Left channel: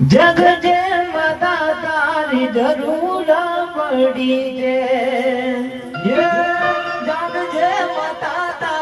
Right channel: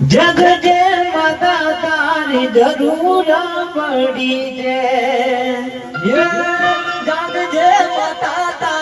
જગ જે માતા તારી જરૂર પડી છે. જગ જે માતા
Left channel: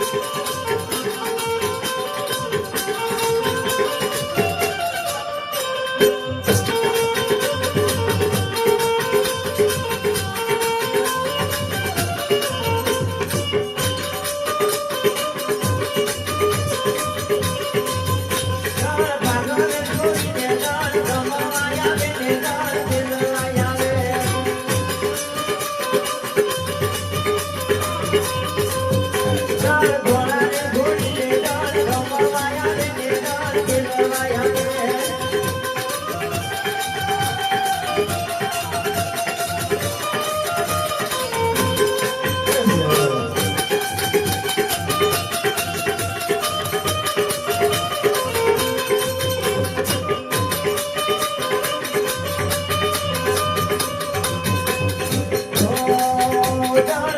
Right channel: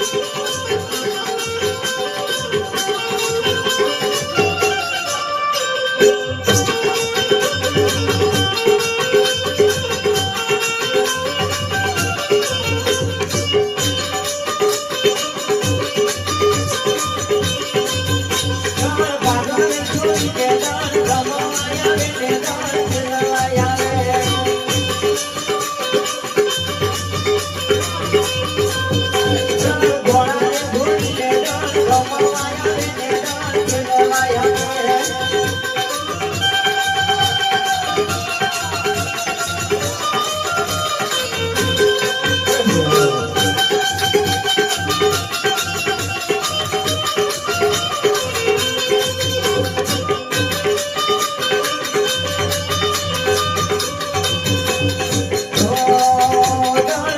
Спасибо. Yeah.